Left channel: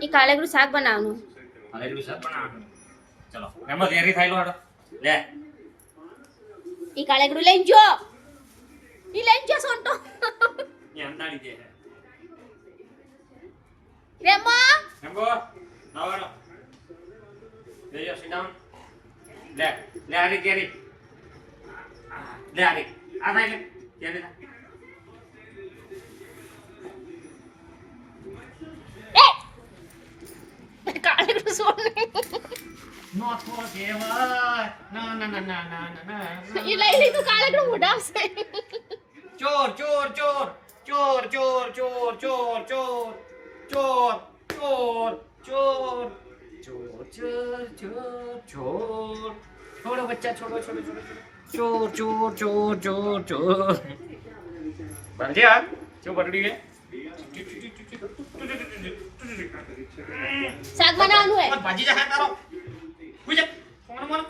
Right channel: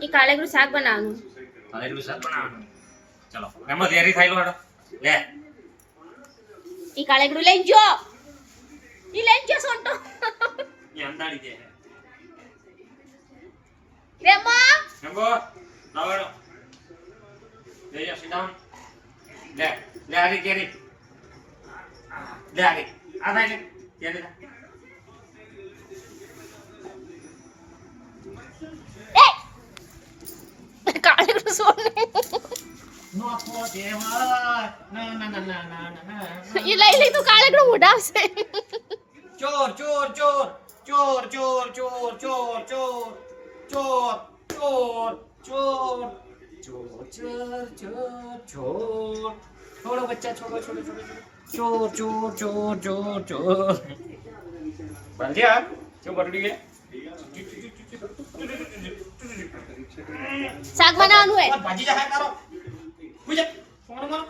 એ કાળેગરું શાક બનાવવાનું. હા એટલું શાક બનાવવાનું. ચલો એમાં તૈયારી થાય લો હાડો લે એ કાળેગરું લઈને જો. ઈ લઈને જો સોંટો. એ અંધારી દે રેમા નંબો લાવવાનો લે જા sit down લે લે આરી કેરી લે આરી આ ભાઈ લે કેરી કાળેગરું સોને. નો તો દેવા ના ના ના ના ના ના ઈ લઈ લે તો કાળેગરું ઉડાવશે. ચોર ચોર ચોર ચોર ચોર ચોર ચોર ચોર ચોર ચોર ચોર ચોર ચોર ચોર ચોર छोड़ो बच्चा छोड़ो छोड़ो छोड़ो चोर चोर चोर चोर चोर बन गया क्यों पकड़ी है શાક બનાવવાનું હે. भाजी जा है तारो कुछ फोन मारो